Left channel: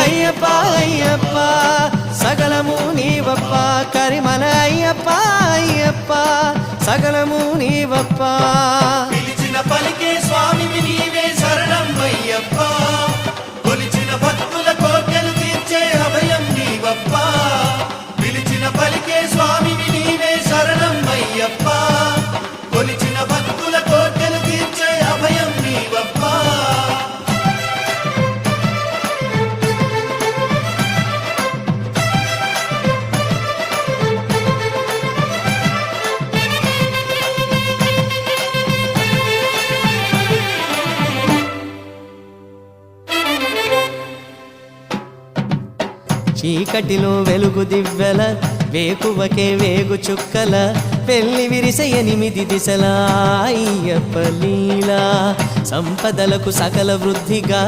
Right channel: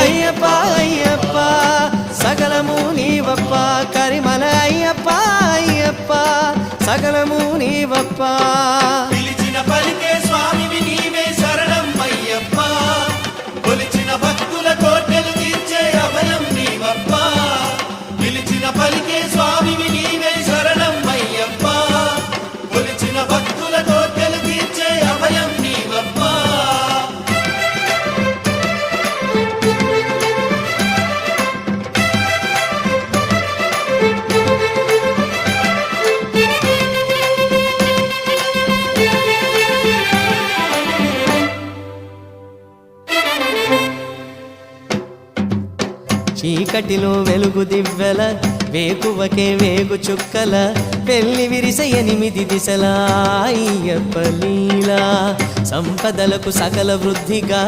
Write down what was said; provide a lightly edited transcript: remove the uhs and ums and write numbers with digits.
అయ్యప్ప అయ్యప్ప సకలము నీవప్ప కరిమల అయ్యప్ప అయ్యప్ప సకలము నీవప్ప పిలిచిన పలికే స్వామివి నీవే శరణం అయ్యప్ప కొలిచిన భక్తుల కోటలు తీర్చే అభయం నీవప్ప పిలిచిన పలికే స్వామివి నీవే శరణం అయ్యప్ప కొలిచిన భక్తుల కోటలు తీర్చే అభయం నీవప్ప చీకటిలో వెలుగు దివ్వెల వేకువకే వేగు చుక్కల పెళ్లి విరిస 8 దిశల అయ్యప్ప లీలా సంపదలకు సకల వృద్ధిగా